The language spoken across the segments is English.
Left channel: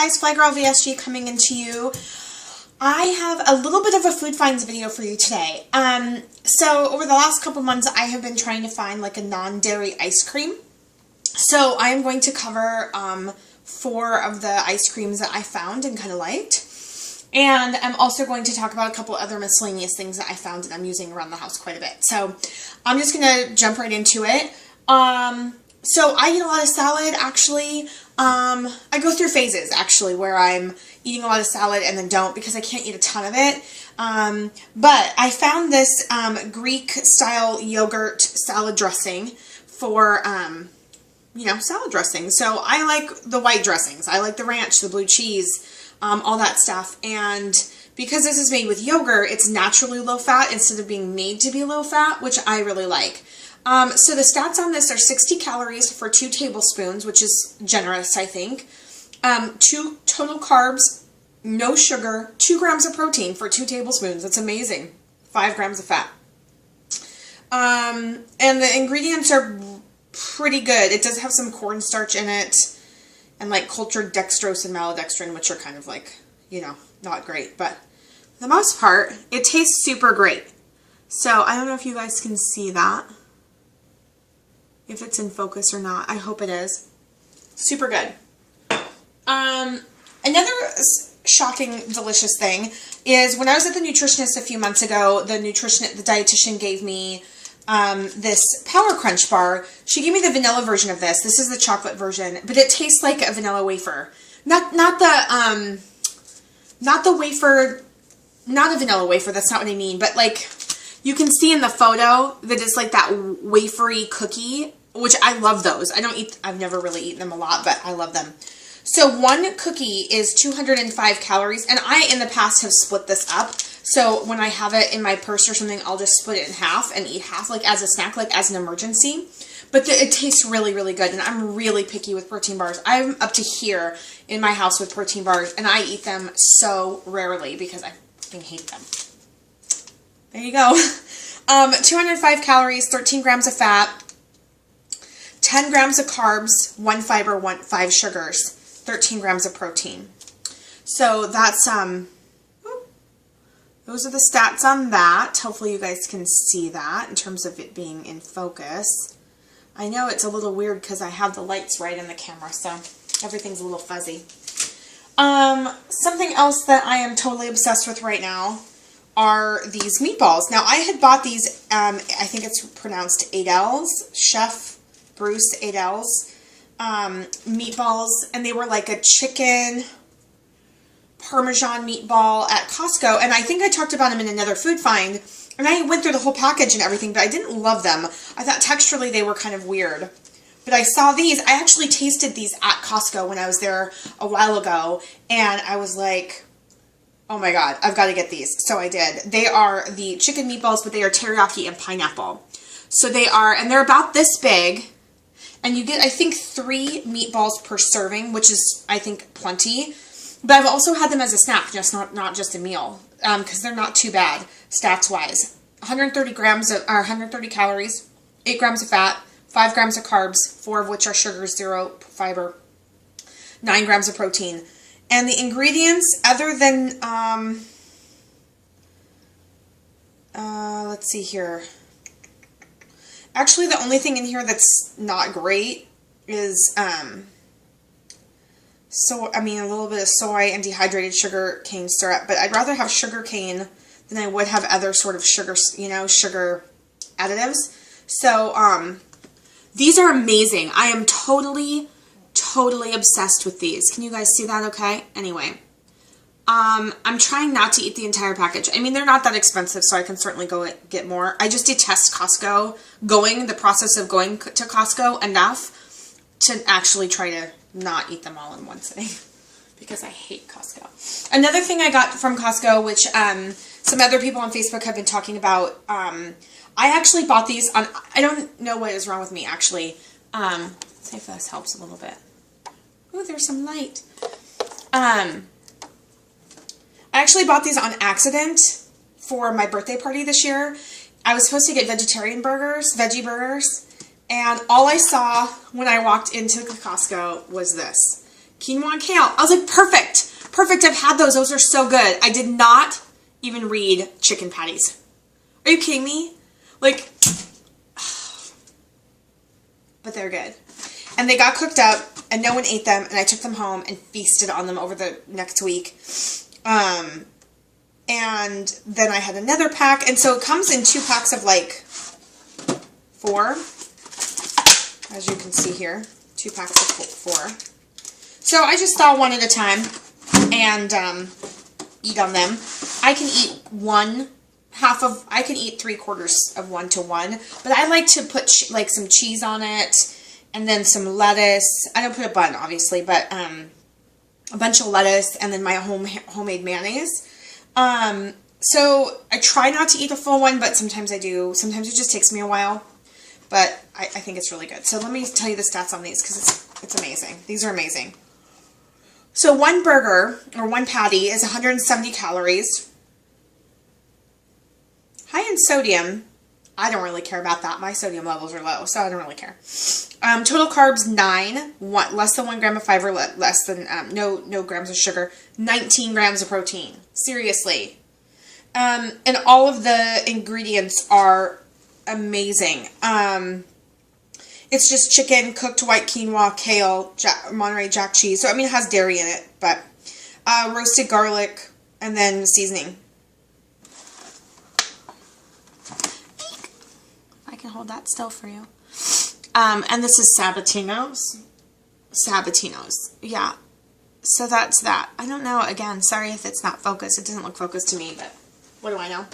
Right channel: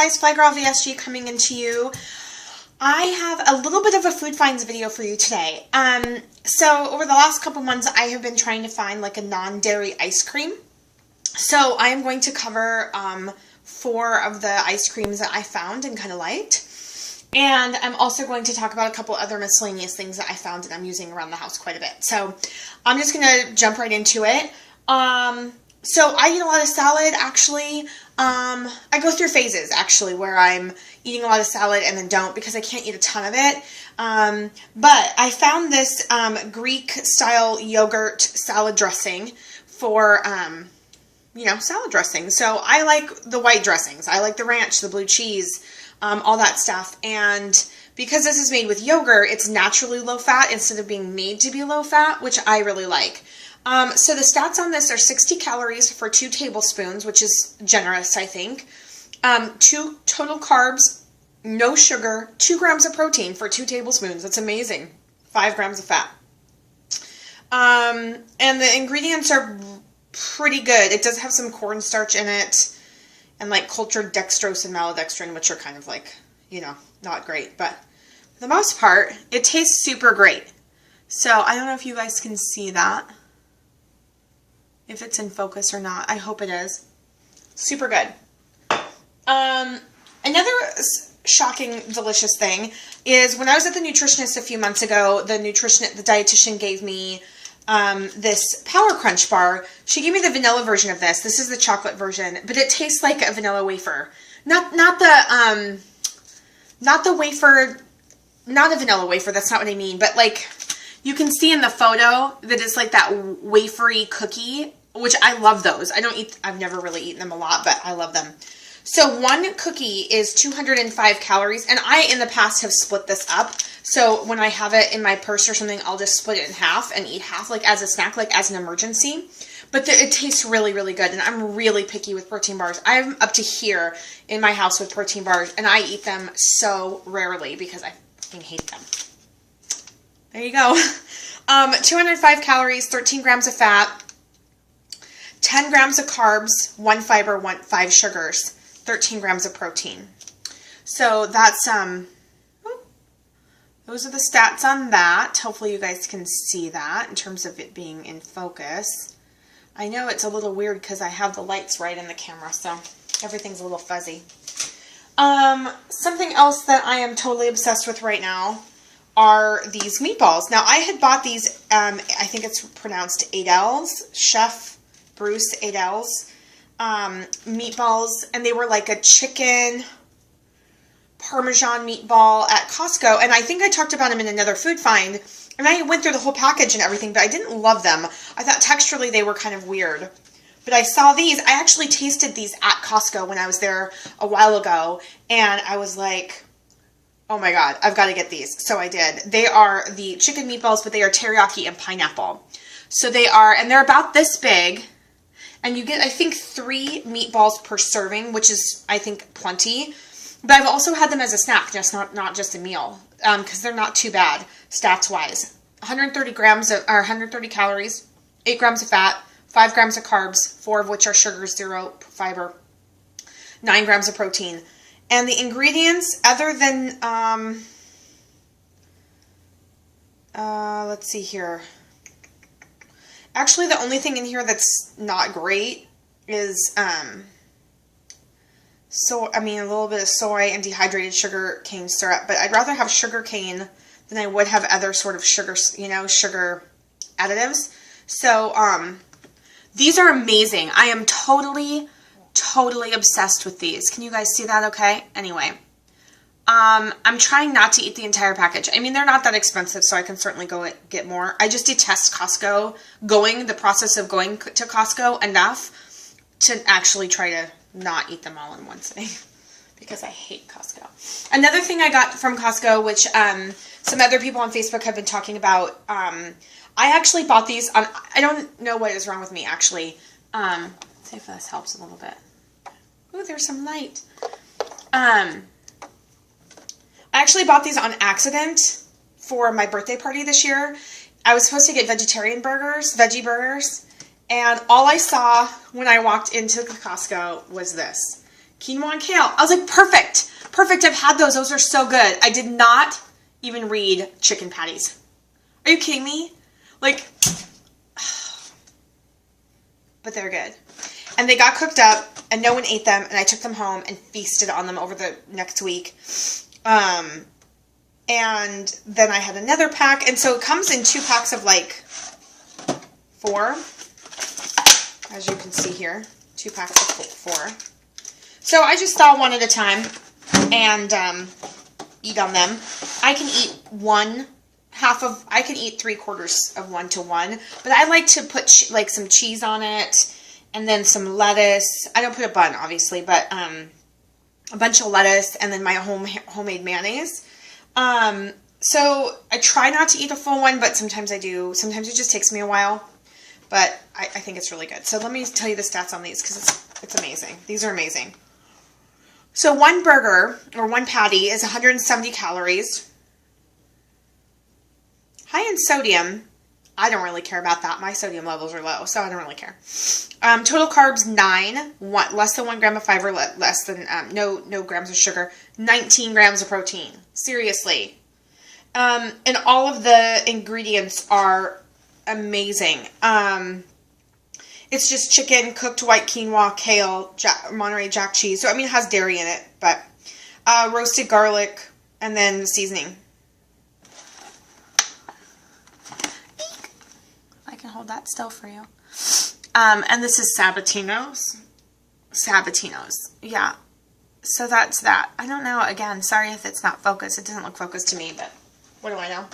guys, Fly Girl VSG coming into you. I have a little bit of a food finds video for you today. So over the last couple months I have been trying to find like a non-dairy ice cream. So I'm going to cover 4 of the ice creams that I found and kind of liked. And I'm also going to talk about a couple other miscellaneous things that I found that I'm using around the house quite a bit. So I'm just going to jump right into it. So I eat a lot of salad, actually. I go through phases, actually, where I'm eating a lot of salad and then don't because I can't eat a ton of it. But I found this Greek-style yogurt salad dressing for, salad dressing. So I like the white dressings. I like the ranch, the blue cheese, all that stuff. And because this is made with yogurt, it's naturally low-fat instead of being made to be low-fat, which I really like. So the stats on this are 60 calories for 2 tablespoons, which is generous, I think. 2 total carbs, no sugar, 2 grams of protein for 2 tablespoons. That's amazing. 5 grams of fat. And the ingredients are pretty good. It does have some cornstarch in it, and like cultured dextrose and maltodextrin, which are kind of like, not great. But for the most part, it tastes super great. So I don't know if you guys can see that. If it's in focus or not. I hope it is. Super good. Another shocking, delicious thing is when I was at the nutritionist a few months ago, the dietitian gave me this Power Crunch bar. She gave me the vanilla version of this. This is the chocolate version, but it tastes like a vanilla wafer. Not the wafer, not a vanilla wafer, that's not what I mean, but like, you can see in the photo that it's like that wafery cookie, which I love those. I've never really eaten them a lot, but I love them. So 1 cookie is 205 calories, and I, in the past, have split this up. So when I have it in my purse or something, I'll just split it in half and eat half, like as a snack, like as an emergency. But it tastes really, really good, and I'm really picky with protein bars. I'm up to here in my house with protein bars, and I eat them so rarely because I fucking hate them. There you go. 205 calories, 13 grams of fat, 10 grams of carbs, 1 fiber, 5 sugars, 13 grams of protein. So that's, those are the stats on that. Hopefully you guys can see that in terms of it being in focus. I know it's a little weird because I have the lights right in the camera, so everything's a little fuzzy. Something else that I am totally obsessed with right now are these meatballs. Now, I had bought these, I think it's pronounced Adels, Chef Bruce Adels, meatballs, and they were like a chicken Parmesan meatball at Costco, and I think I talked about them in another food find, and I went through the whole package and everything, but I didn't love them. I thought texturally they were kind of weird. But I saw these, I actually tasted these at Costco when I was there a while ago, and I was like, oh my god, I've got to get these. So I did. They are the chicken meatballs, but they are teriyaki and pineapple. So they are, and they're about this big, and you get, I think, 3 meatballs per serving, which is, I think, plenty. But I've also had them as a snack, just not just a meal, because they're not too bad, stats-wise. 130 calories, 8 grams of fat, 5 grams of carbs, 4 of which are sugar, 0 fiber, 9 grams of protein. And the ingredients, other than, let's see here. Actually, the only thing in here that's not great is, a little bit of soy and dehydrated sugar cane syrup. But I'd rather have sugar cane than I would have other sort of sugar, sugar additives. So, these are amazing. I am totally obsessed with these. Can you guys see that okay? Anyway, I'm trying not to eat the entire package. I mean, they're not that expensive, so I can certainly go get more. I just detest Costco, the process of going to Costco enough to actually try to not eat them all in one sitting because I hate Costco. Another thing I got from Costco, which some other people on Facebook have been talking about, I actually bought these on, I don't know what is wrong with me, actually. Let's see if this helps a little bit. Ooh, there's some light. I actually bought these on accident for my birthday party this year. I was supposed to get veggie burgers, and all I saw when I walked into Costco was this. quinoa and kale. I was like, perfect. Perfect. I've had those. Those are so good. I did not even read chicken patties. Are you kidding me? Like, but they're good. And they got cooked up, and no one ate them, and I took them home and feasted on them over the next week. And then I had another pack, and so it comes in 2 packs of like 4, as you can see here, 2 packs of 4. So I just thaw one at a time and eat on them. I can eat I can eat 3/4 of one to one, but I like to put like some cheese on it, and then some lettuce. I don't put a bun, obviously, but a bunch of lettuce, and then my homemade mayonnaise. So I try not to eat a full one, but sometimes I do. Sometimes it just takes me a while, but I think it's really good. So let me tell you the stats on these, because it's amazing. These are amazing. So one burger, or one patty, is 170 calories. High in sodium. I don't really care about that. My sodium levels are low, so I don't really care. Total carbs, 9. Less than 1 gram of fiber, less than, no grams of sugar. 19 grams of protein. Seriously. And all of the ingredients are amazing. It's just chicken, cooked white quinoa, kale, Monterey Jack cheese. So, I mean, it has dairy in it, but roasted garlic, and then seasoning. I can hold that still for you. And this is Sabatino's. Yeah. So that's that. I don't know, again, sorry if it's not focused. It doesn't look focused to me, but what do I know?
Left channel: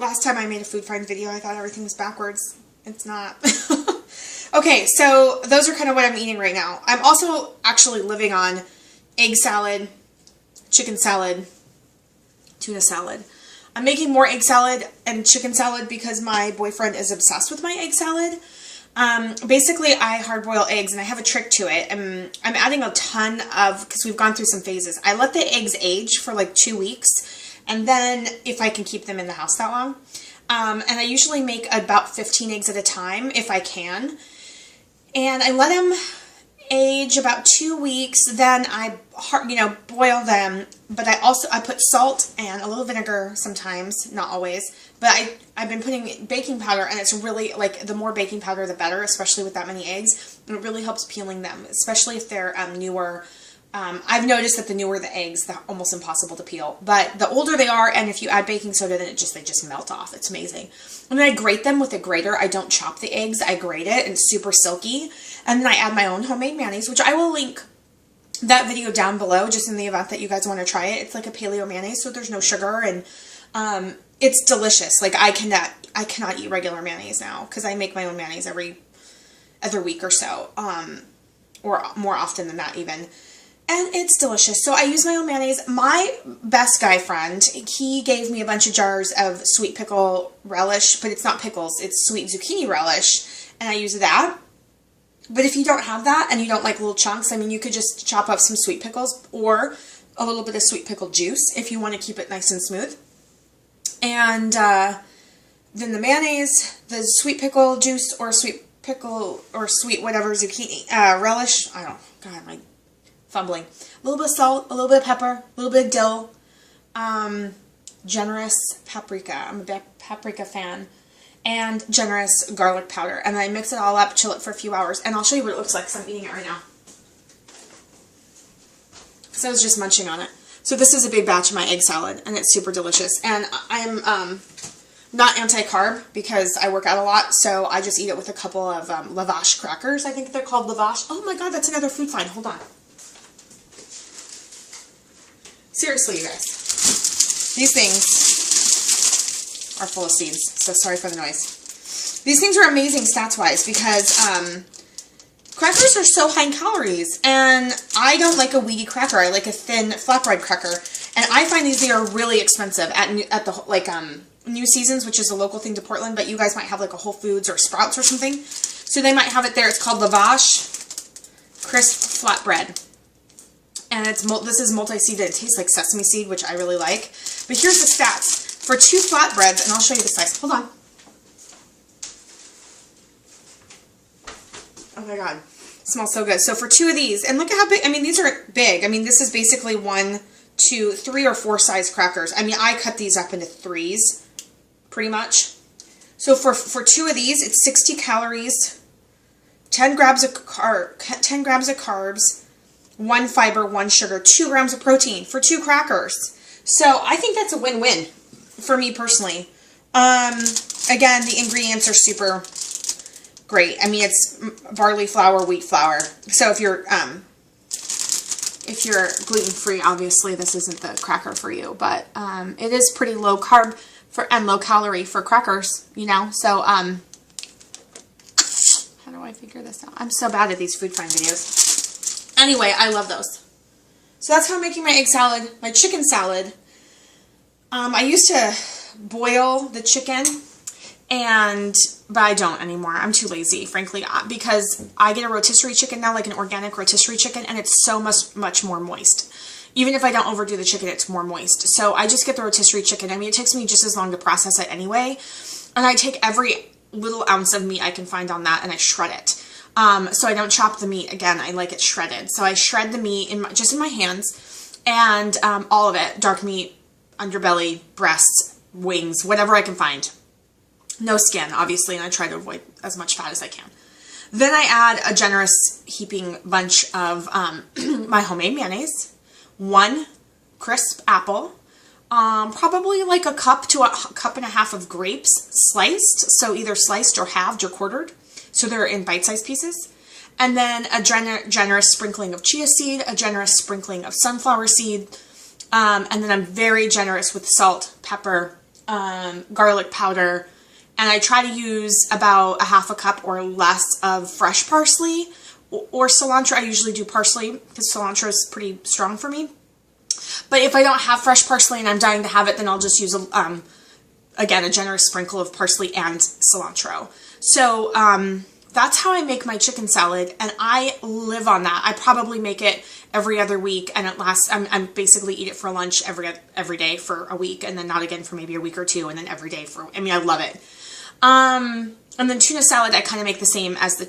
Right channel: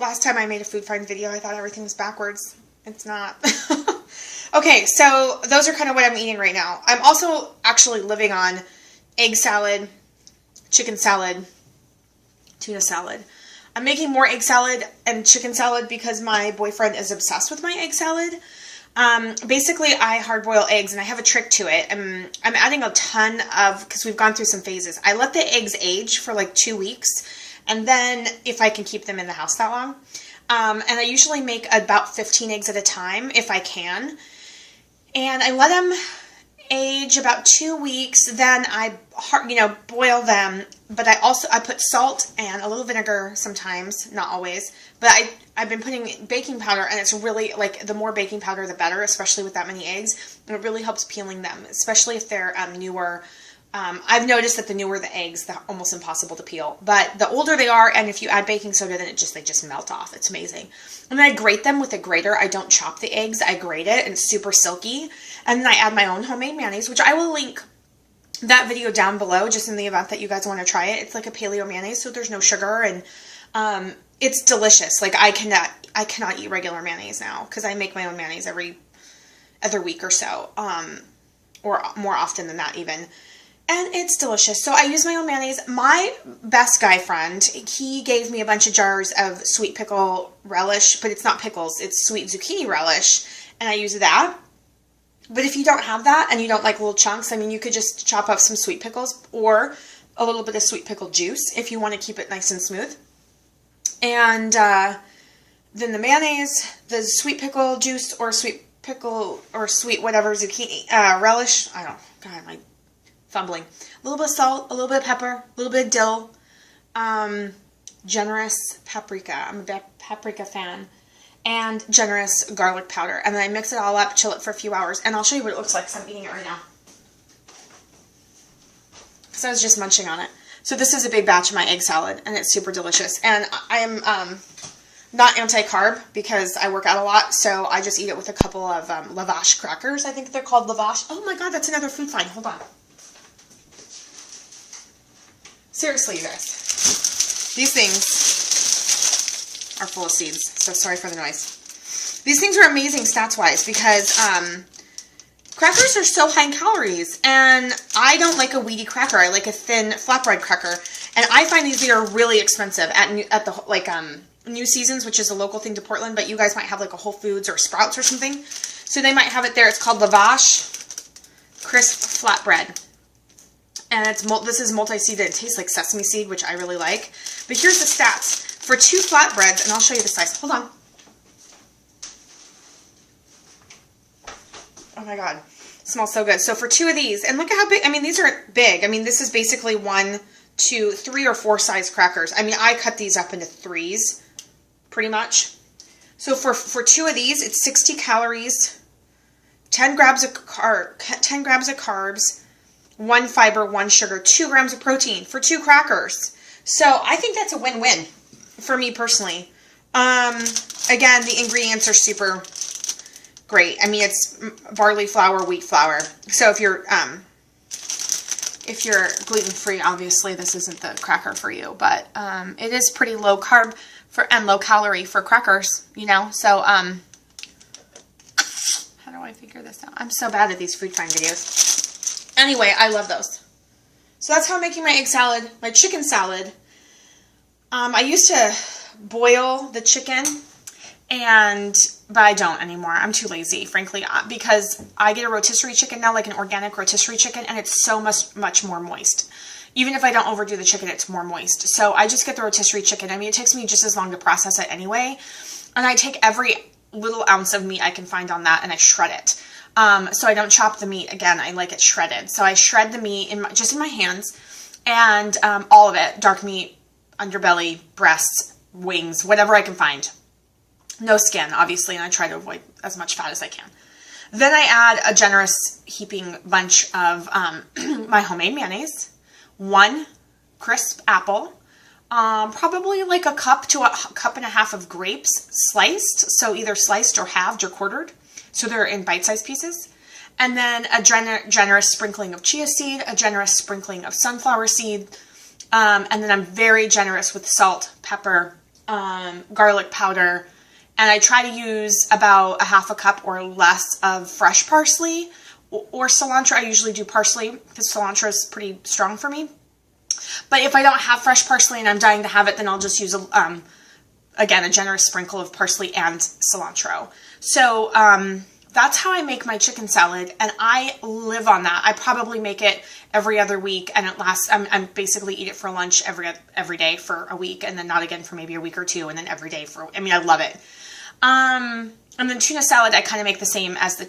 Last time I made a food find video, I thought everything was backwards. It's not. Okay, so those are kind of what I'm eating right now. I'm also actually living on egg salad, chicken salad, tuna salad. I'm making more egg salad and chicken salad because my boyfriend is obsessed with my egg salad. Basically, I hard boil eggs, and I have a trick to it. I'm adding a ton of, because we've gone through some phases. I let the eggs age for like 2 weeks, and then if I can keep them in the house that long. And I usually make about 15 eggs at a time, if I can. And I let them age about 2 weeks, then I, boil them, but I put salt and a little vinegar sometimes, not always, but I've been putting baking powder, and it's really, like, the more baking powder the better, especially with that many eggs, and it really helps peeling them, especially if they're newer. I've noticed that the newer the eggs, they're almost impossible to peel, but the older they are, and if you add baking soda, then they just melt off. It's amazing. And then I grate them with a grater. I don't chop the eggs, I grate it, and it's super silky. And then I add my own homemade mayonnaise, which I will link that video down below, just in the event that you guys want to try it. It's like a paleo mayonnaise, so there's no sugar, and it's delicious. Like, I cannot eat regular mayonnaise now, because I make my own mayonnaise every other week or so, or more often than that even. And it's delicious. So I use my own mayonnaise. My best guy friend, he gave me a bunch of jars of sweet pickle relish, but it's not pickles, it's sweet zucchini relish, and I use that. But if you don't have that, and you don't like little chunks, I mean, you could just chop up some sweet pickles, or a little bit of sweet pickle juice, if you want to keep it nice and smooth. And then the mayonnaise, the sweet pickle juice, or sweet pickle, or sweet whatever zucchini, relish, I don't know, God, my fumbling. A little bit of salt, a little bit of pepper, a little bit of dill, generous paprika. I'm a big paprika fan. And generous garlic powder. And then I mix it all up, chill it for a few hours, and I'll show you what it looks like, because I'm eating it right now. So I was just munching on it. So this is a big batch of my egg salad, and it's super delicious. And I'm not anti-carb, because I work out a lot, so I just eat it with a couple of lavash crackers. I think they're called lavash. Oh my god, that's another food find. Hold on. Seriously, you guys. These things are full of seeds, so sorry for the noise. These things are amazing stats-wise, because crackers are so high in calories, and I don't like a weedy cracker. I like a thin flatbread cracker, and I find these are really expensive at the New Seasons, which is a local thing to Portland, but you guys might have like a Whole Foods or Sprouts or something, so they might have it there. It's called Lavash Crisp Flatbread. And this is multi-seeded. It tastes like sesame seed, which I really like. But here's the stats. For 2 flatbreads, and I'll show you the size. Hold on. Oh my god. Smells so good. So for 2 of these, and look at how big, I mean, these are big. I mean, this is basically 1, 2, 3 or 4 size crackers. I mean, I cut these up into 3s, pretty much. So for 2 of these, it's 60 calories, 10 grams of carbs, 1 fiber, 1 sugar, 2 grams of protein for 2 crackers. So I think that's a win-win for me personally. Again, the ingredients are super great. I mean, it's barley flour, wheat flour. So if you're gluten-free, obviously this isn't the cracker for you, but it is pretty low carb and low calorie for crackers, you know. So how do I figure this out? I'm so bad at these food find videos. Anyway, I love those. So that's how I'm making my egg salad, my chicken salad. I used to boil the chicken, but I don't anymore. I'm too lazy, frankly, because I get a rotisserie chicken now, like an organic rotisserie chicken, and it's so much more moist. Even if I don't overdo the chicken, it's more moist. So I just get the rotisserie chicken. I mean, it takes me just as long to process it anyway. And I take every little ounce of meat I can find on that and I shred it. So I don't chop the meat again. I like it shredded. So I shred the meat just in my hands, and all of it, dark meat, underbelly, breasts, wings, whatever I can find. No skin, obviously, and I try to avoid as much fat as I can. Then I add a generous heaping bunch of my homemade mayonnaise, 1 crisp apple, probably like a cup to a cup and a half of grapes sliced, so either sliced or halved or quartered, so they're in bite-sized pieces, and then a generous sprinkling of chia seed, a generous sprinkling of sunflower seed, and then I'm very generous with salt, pepper, garlic powder, and I try to use about a half a cup or less of fresh parsley or cilantro. I usually do parsley because cilantro is pretty strong for me. But if I don't have fresh parsley and I'm dying to have it, then I'll just use, again, a generous sprinkle of parsley and cilantro. So that's how I make my chicken salad, and I live on that. I probably make it every other week, and it lasts, I basically eat it for lunch every day for a week, and then not again for maybe a week or 2, and then every day I mean, I love it. And then tuna salad, I kind of make the same as the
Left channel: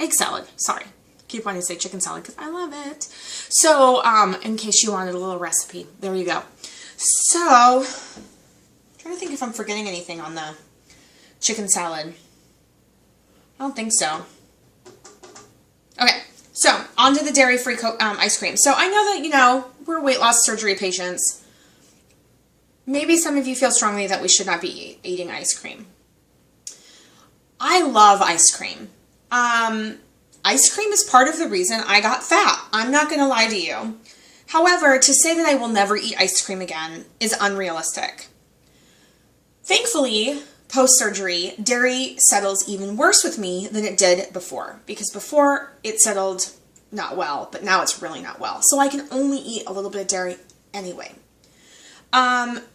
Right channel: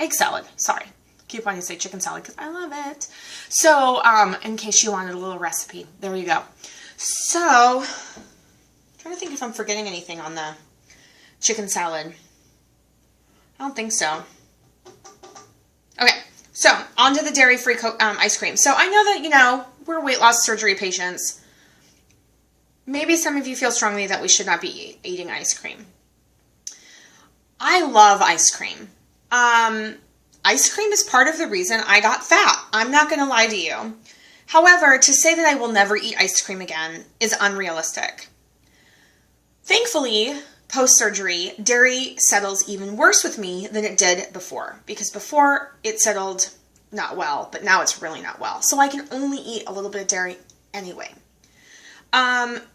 egg salad. Sorry. Keep wanting to say chicken salad because I love it. So, in case you wanted a little recipe, there you go. So, I'm trying to think if I'm forgetting anything on the chicken salad. I don't think so. Okay, so on to the dairy-free ice cream. So I know that, you know, we're weight loss surgery patients. Maybe some of you feel strongly that we should not be eating ice cream. I love ice cream. Ice cream is part of the reason I got fat. I'm not going to lie to you. However, to say that I will never eat ice cream again is unrealistic. Thankfully, post-surgery, dairy settles even worse with me than it did before. Because before, it settled not well, but now it's really not well. So I can only eat a little bit of dairy anyway.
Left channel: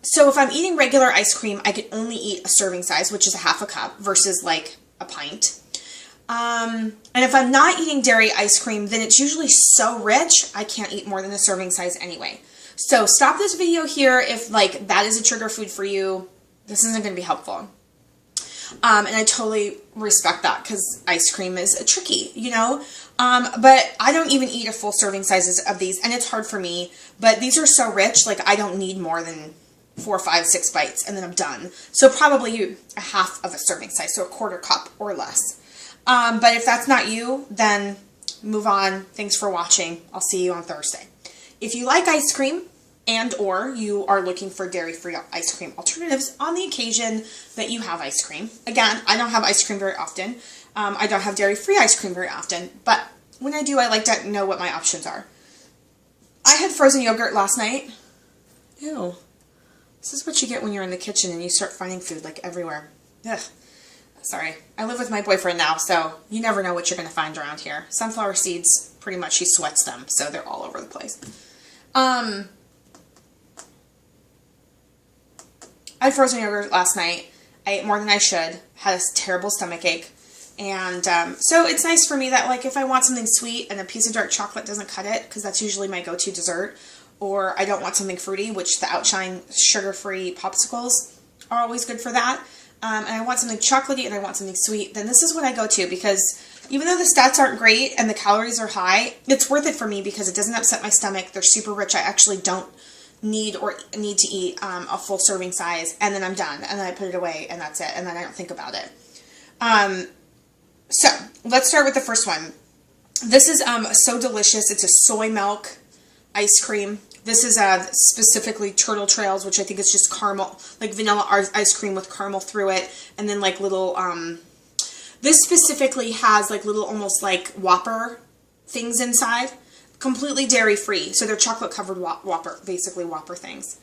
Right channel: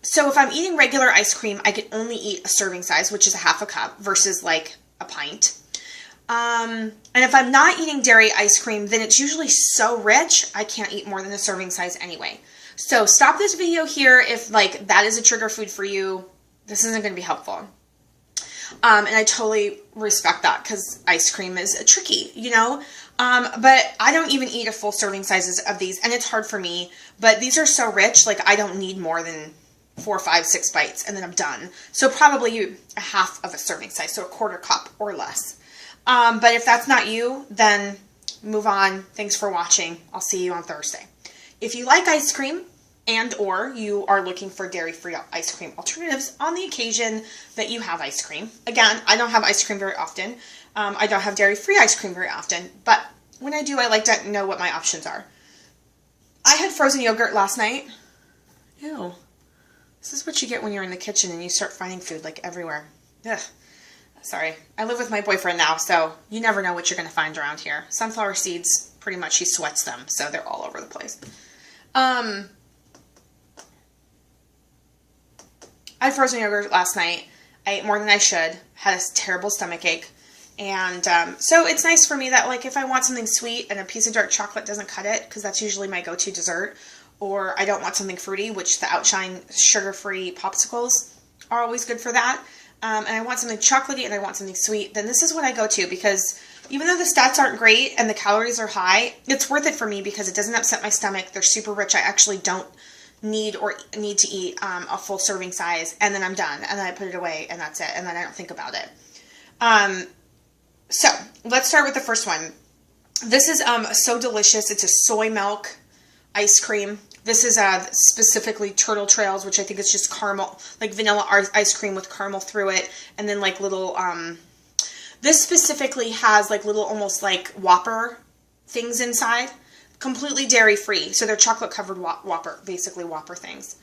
So if I'm eating regular ice cream, I can only eat a serving size, which is a half a cup versus like a pint. And if I'm not eating dairy ice cream, then it's usually so rich, I can't eat more than a serving size anyway. So stop this video here if like that is a trigger food for you. This isn't going to be helpful. And I totally respect that because ice cream is tricky, you know. But I don't even eat a full serving sizes of these, and it's hard for me. But these are so rich, like I don't need more than 4, 5, 6 bites, and then I'm done. So probably a half of a serving size, so a quarter cup or less. But if that's not you, then move on. Thanks for watching. I'll see you on Thursday. If you like ice cream and or you are looking for dairy-free ice cream alternatives on the occasion that you have ice cream. Again, I don't have ice cream very often. I don't have dairy-free ice cream very often, but when I do, I like to know what my options are. I had frozen yogurt last night. Ew. This is what you get when you're in the kitchen and you start finding food like everywhere. Ugh. Sorry. I live with my boyfriend now, so you never know what you're going to find around here. Sunflower seeds, pretty much he sweats them, so they're all over the place. I had frozen yogurt last night. I ate more than I should. Had a terrible stomach ache. And so it's nice for me that, like, if I want something sweet and a piece of dark chocolate doesn't cut it, because that's usually my go-to dessert, or I don't want something fruity, which the Outshine sugar-free popsicles are always good for that. and I want something chocolatey and I want something sweet, then this is what I go to, because even though the stats aren't great and the calories are high, it's worth it for me because it doesn't upset my stomach. They're super rich. I actually don't need to eat a full serving size, and then I'm done, and then I put it away, and that's it, and then I don't think about it. So let's start with the first one. This is so delicious. It's a soy milk ice cream. This is specifically Turtle Trails, which I think is just caramel, like vanilla ice cream with caramel through it, and then like little, this specifically has like little almost like Whopper things inside, completely dairy free, so they're chocolate covered Whopper, basically Whopper things.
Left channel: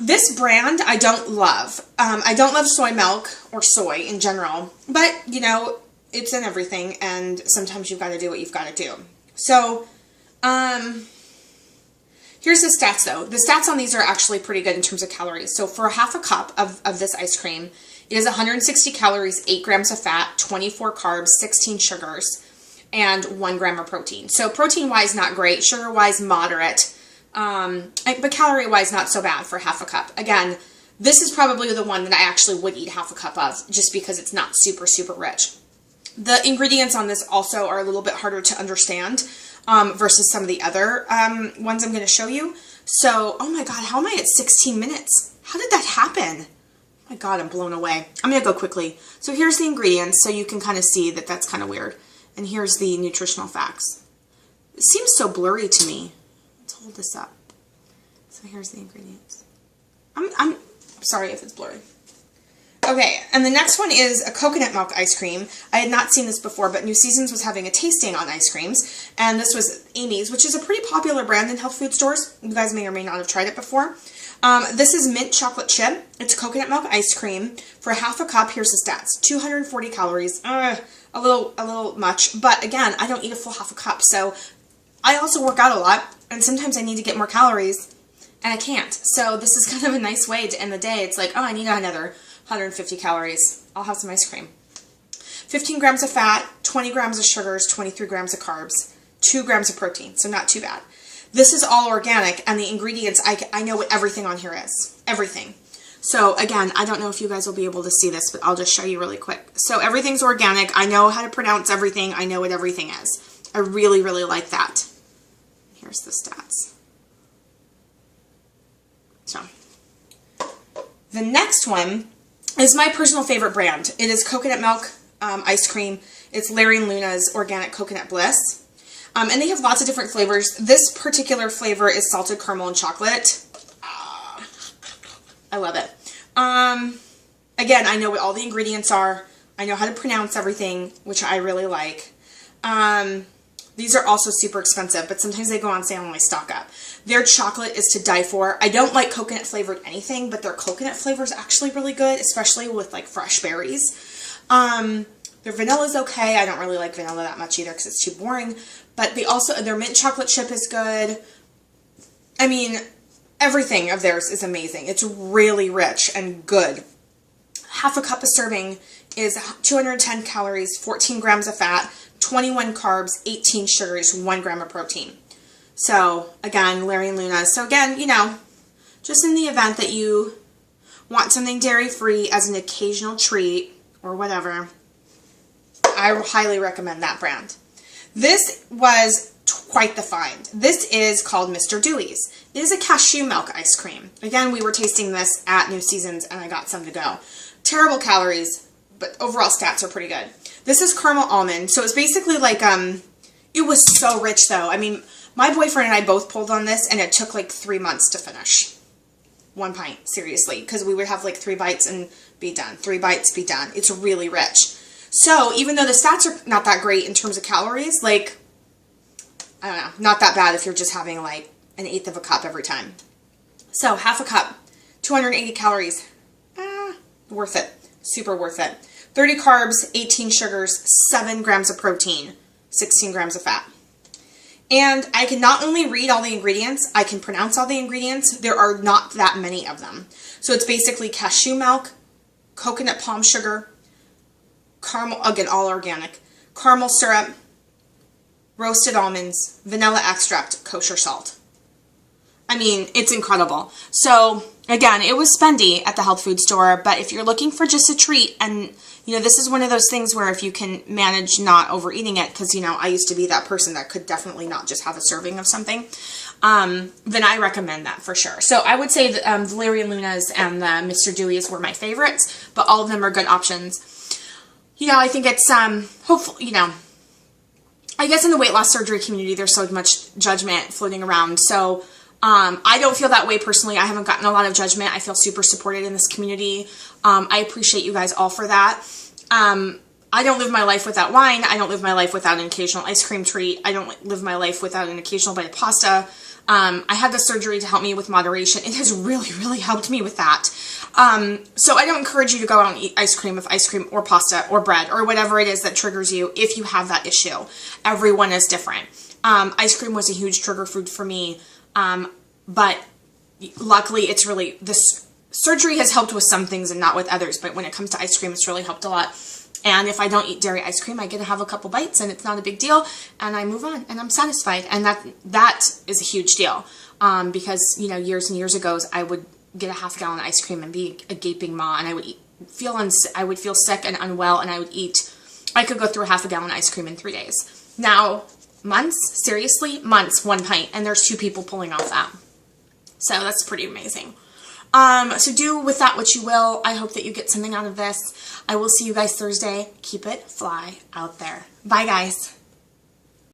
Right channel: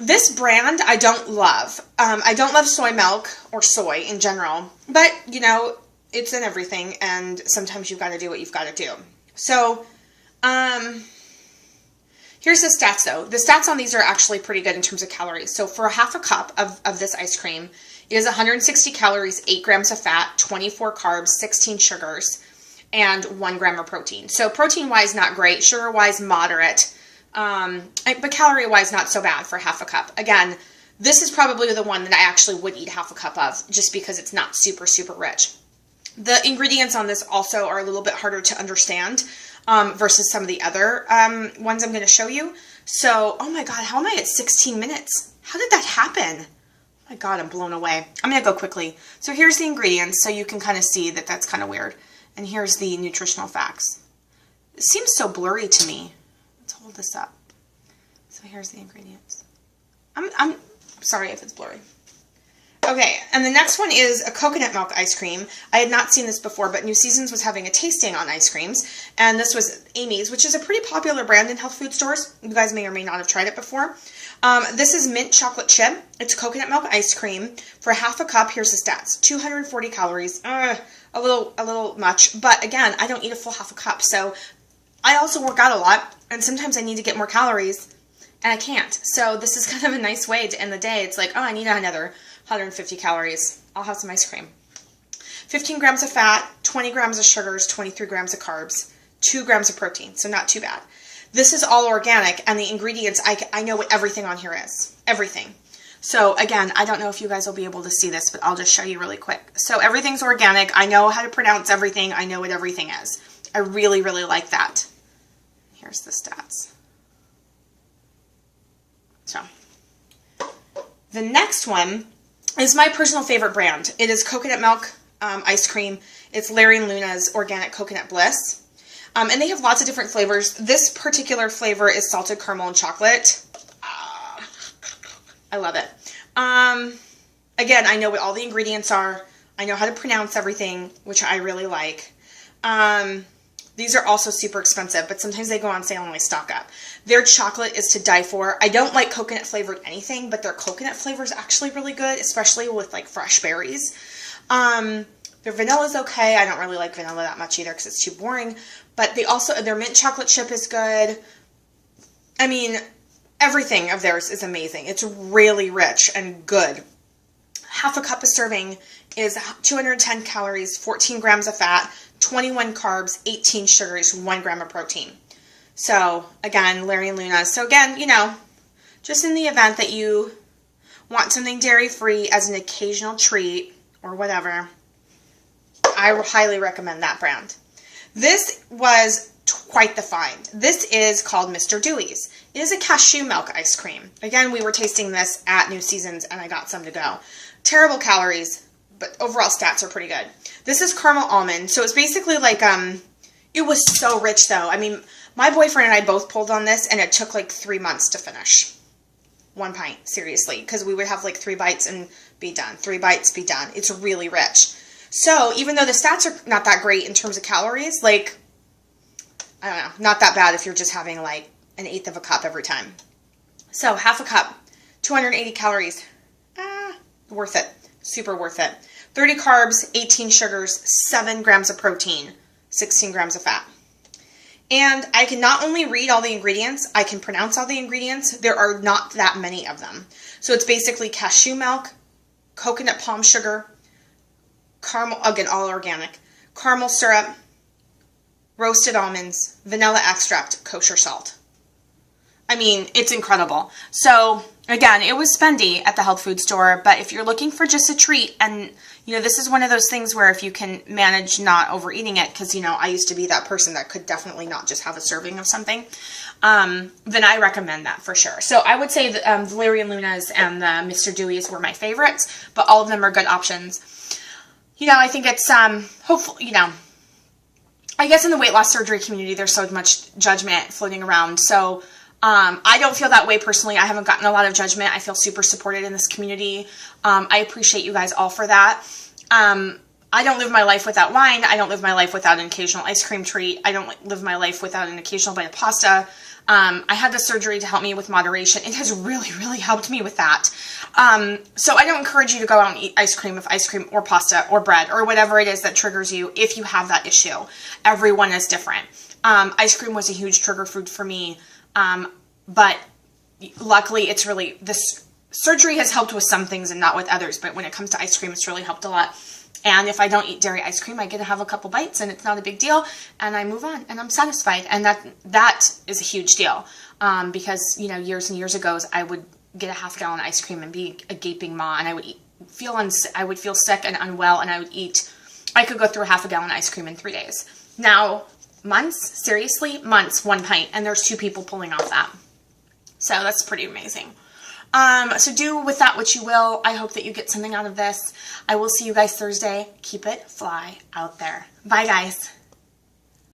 This brand I don't love. I don't love soy milk or soy in general, but you know, it's in everything, and sometimes you've got to do what you've got to do. So, here's the stats though. The stats on these are actually pretty good in terms of calories. So for a half a cup of this ice cream, it is 160 calories, 8 grams of fat, 24 carbs, 16 sugars, and 1 gram of protein. So protein-wise, not great. Sugar-wise, moderate. But calorie-wise, not so bad for half a cup. Again, this is probably the one that I actually would eat half a cup of, just because it's not super, super rich. The ingredients on this also are a little bit harder to understand versus some of the other ones I'm going to show you. So, oh my god, how am I at 16 minutes? How did that happen? Oh my god, I'm blown away. I'm going to go quickly. So here's the ingredients, so you can kind of see that that's kind of weird. And here's the nutritional facts. It seems so blurry to me. Let's hold this up. So here's the ingredients. I'm sorry if it's blurry. Okay, and the next one is a coconut milk ice cream. I had not seen this before, but New Seasons was having a tasting on ice creams, and this was Amy's, which is a pretty popular brand in health food stores. You guys may or may not have tried it before. This is mint chocolate chip. It's coconut milk ice cream. For half a cup, here's the stats. 240 calories. A little much, but again, I don't eat a full half a cup, so I also work out a lot, and sometimes I need to get more calories, and I can't. So this is kind of a nice way to end the day. It's like, oh, I need another 150 calories. I'll have some ice cream. 15 grams of fat, 20 grams of sugars, 23 grams of carbs, 2 grams of protein, so not too bad. This is all organic, and the ingredients, I know what everything on here is. Everything. So again, I don't know if you guys will be able to see this, but I'll just show you really quick. So everything's organic. I know how to pronounce everything. I know what everything is. I really, really like that. Here's the stats. So the next one is my personal favorite brand. It is coconut milk ice cream. It's Larry and Luna's Organic Coconut Bliss. And they have lots of different flavors. This particular flavor is salted caramel and chocolate. I love it. Again, I know what all the ingredients are. I know how to pronounce everything, which I really like. These are also super expensive, but sometimes they go on sale and I stock up. Their chocolate is to die for. I don't like coconut flavored anything, but their coconut flavor is actually really good, especially with like fresh berries. Their vanilla is okay. I don't really like vanilla that much either because it's too boring. But they also, their mint chocolate chip is good. I mean, everything of theirs is amazing. It's really rich and good. Half a cup of serving is 210 calories, 14 grams of fat, 21 carbs, 18 sugars, 1 gram of protein. So, again, Larry and Luna. So again, you know, just in the event that you want something dairy-free as an occasional treat or whatever, I highly recommend that brand. This was quite the find. This is called Mr. Dewey's. It is a cashew milk ice cream. Again, we were tasting this at New Seasons and I got some to go. Terrible calories, but overall stats are pretty good. This is caramel almond. So it's basically like, it was so rich though. I mean, my boyfriend and I both pulled on this and it took like 3 months to finish. 1 pint, seriously, because we would have like 3 bites and be done. 3 bites, be done. It's really rich. So even though the stats are not that great in terms of calories, like, I don't know, not that bad if you're just having like 1/8 of a cup every time. So half a cup, 280 calories, worth it, super worth it. 30 carbs, 18 sugars, 7 grams of protein, 16 grams of fat. And I can not only read all the ingredients, I can pronounce all the ingredients. There are not that many of them. So it's basically cashew milk, coconut palm sugar, caramel, again, all organic, caramel syrup, roasted almonds, vanilla extract, kosher salt. I mean, it's incredible. So, again, it was spendy at the health food store, but if you're looking for just a treat, and, you know, this is one of those things where if you can manage not overeating it, because, you know, I used to be that person that could definitely not just have a serving of something, then I recommend that for sure. So I would say the Valerian Luna's and the Mr. Dewey's were my favorites, but all of them are good options. You know, I think it's, hopefully, you know, I guess in the weight loss surgery community, there's so much judgment floating around. So I don't feel that way personally. I haven't gotten a lot of judgment. I feel super supported in this community. I appreciate you guys all for that. I don't live my life without wine. I don't live my life without an occasional ice cream treat. I don't live my life without an occasional bite of pasta. I had the surgery to help me with moderation. It has really, really helped me with that. So I don't encourage you to go out and eat ice cream or pasta or bread or whatever it is that triggers you if you have that issue. Everyone is different. Ice cream was a huge trigger food for me, but luckily it's really, this surgery has helped with some things and not with others, but when it comes to ice cream, it's really helped a lot. And if I don't eat dairy ice cream, I get to have a couple bites and it's not a big deal, and I move on and I'm satisfied. And that is a huge deal, because, you know, years and years ago, I would get a half gallon of ice cream and be a gaping maw, and I would feel sick and unwell, and I could go through a half a gallon of ice cream in 3 days. Now, months, seriously, months, 1 pint, and there's 2 people pulling off that. So that's pretty amazing. So do with that what you will. I hope that you get something out of this. I will see you guys Thursday. Keep it fly out there. Bye, guys.